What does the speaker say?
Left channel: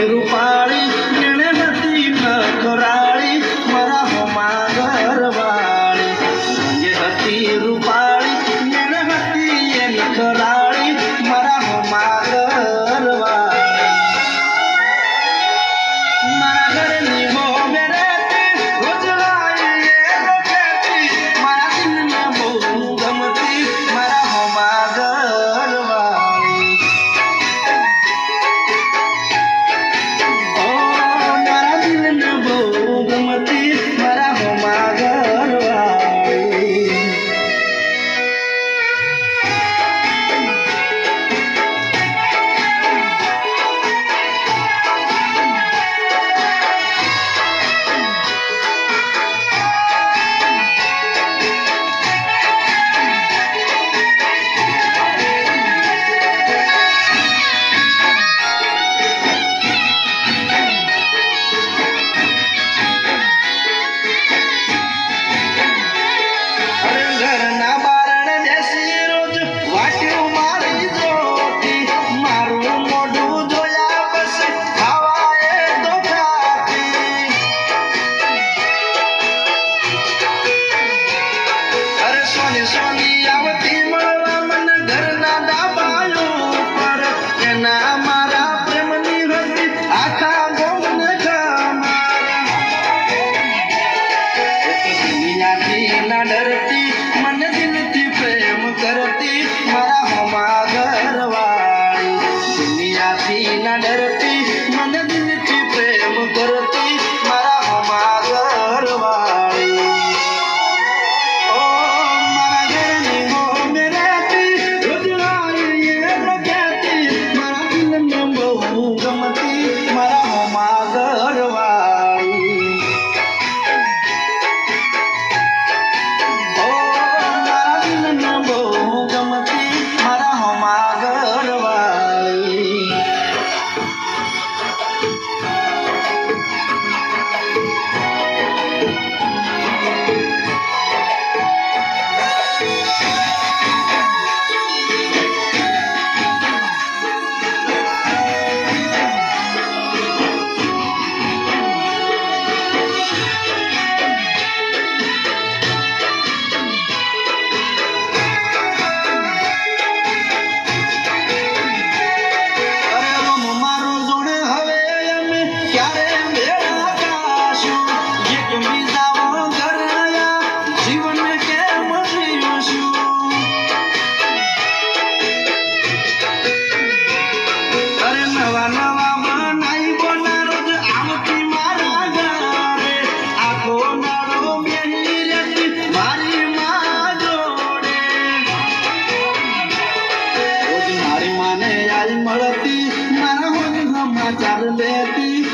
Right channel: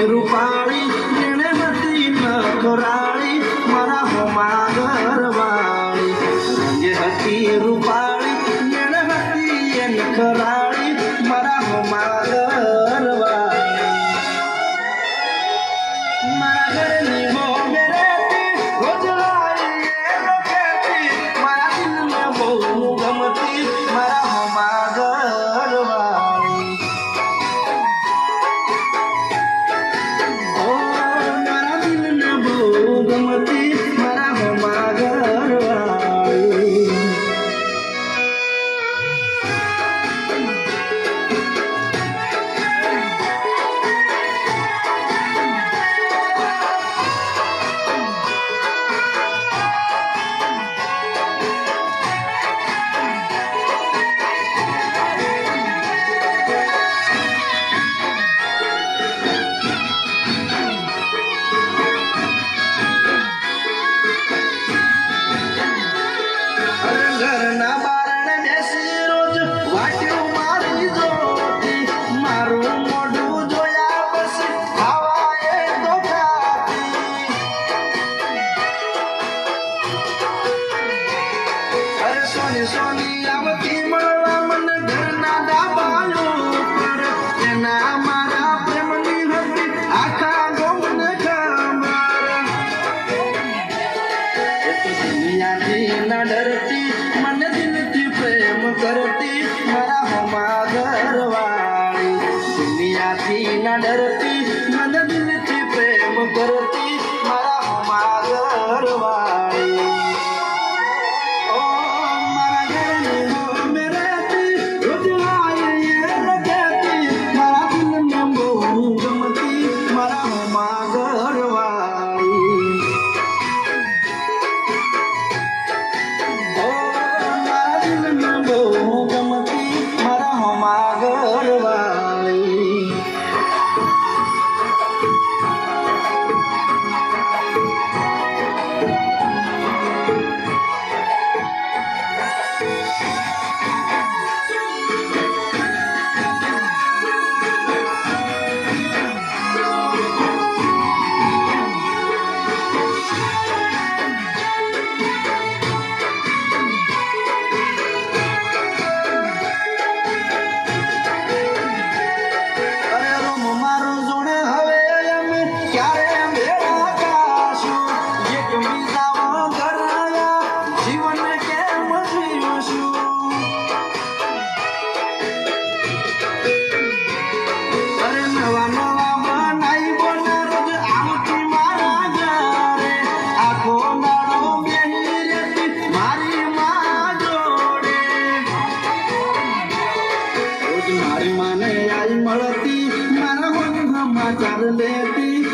રૂપાળી જેણે હતી નખરાળી મારા હોમાં ઘરવાળી રંગે હતી રૂપાળી જેણે હતી નખરાળી મારા હોમાં ઘરવાળી મારા ઘરની બહુ બેરેતી રોજ લાવી કહેતી મારા દિલને બહુ ગમતી મારા હોમાં ઘરવાળી મારા હોમાં ઘરવાળી ઘરના બારણે બેસી રોજ વાટ્યું મારી જોતી મારું મોઢું જોયા પછી ખાવા એ તો ખાતી અરે સોની સોની આવતી મળવા મને ઘરના ડાબાયો પર એના મારા પ્રેમની હતી આખા ગોમને કમાર દુનિયાથી ના ડરતી મને દિલથી પ્રેમ કરતી મારા હોમાં ઘરવાળી દુનિયાથી ના ડરતી મને દિલથી પ્રેમ કરતી મારા હોમાં ઘરવાળી ઓ મારા ઘરની મોમે રહેતી રોજ આવીએ કહેતી મારા દિલને બહુ ગમતી મારા હોમાં ઘરવાળી બહુ ગમતી મારા હોમાં ઘરવાળી નવા નવા બનાઈ બોના રોજ આવતી મારા ઘરે આખો નારો બેહી રહેતી મારી માં જોડે રોજ મારી માને આઈ મળતી મારા હોમ સમાચાર લેતી